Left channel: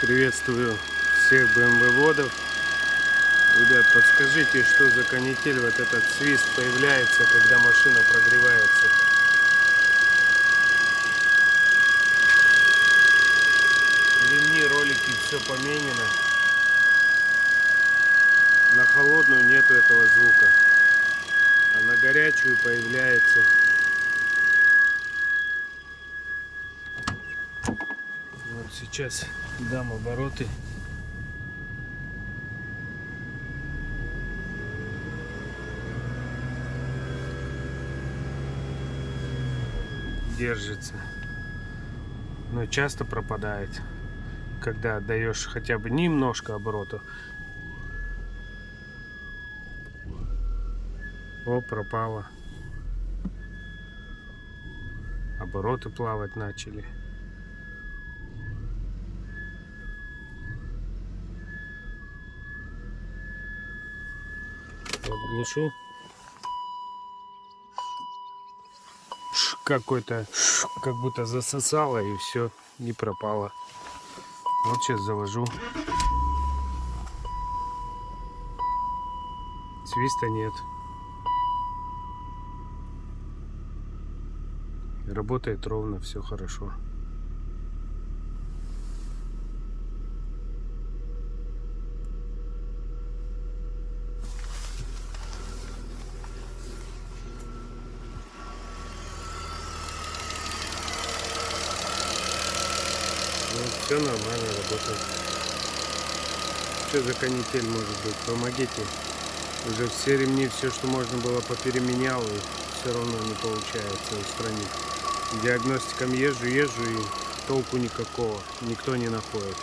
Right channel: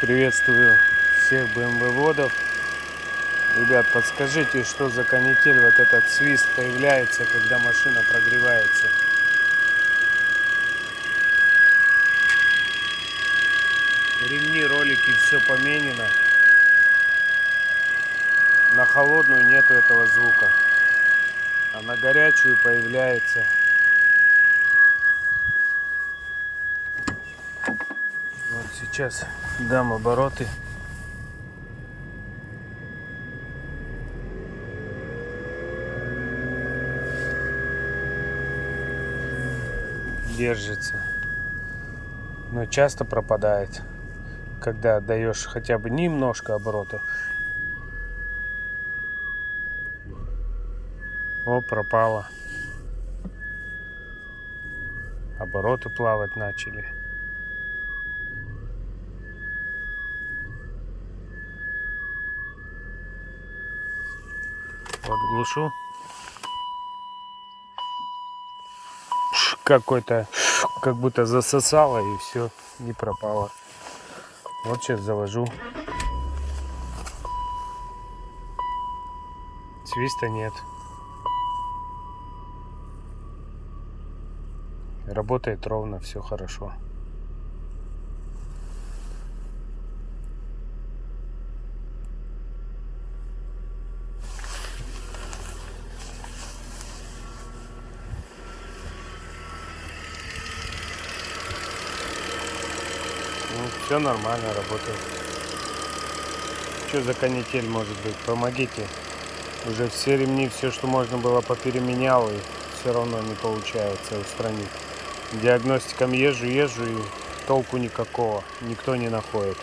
Приветствую всех BMW-водов. Ребят, подскажите, что за канитель, вот этот свист появляется, когда машина прогревается. Ремни, ролики, все поменено. На холодную нету этого звука, а на горячую появляется. Вот сейчас дам обороты. Держится, но часто пропадает, когда отдаешь хотя бы немножко оборотов. О, пропало. Обороты плавать начали. Вот глушу. Какой-то, как будто засосало, и все, не пропало. Вот сейчас завожу. Свиста нет. Работает ровно, все хорошо. Ну, все нормально работает. Что за канитель может быть? Помогите. Уже все ремни, все, что можно было, попеременял, и все равно не получается устранить. Диагностикам езжу и толку никакого. Никто не находит.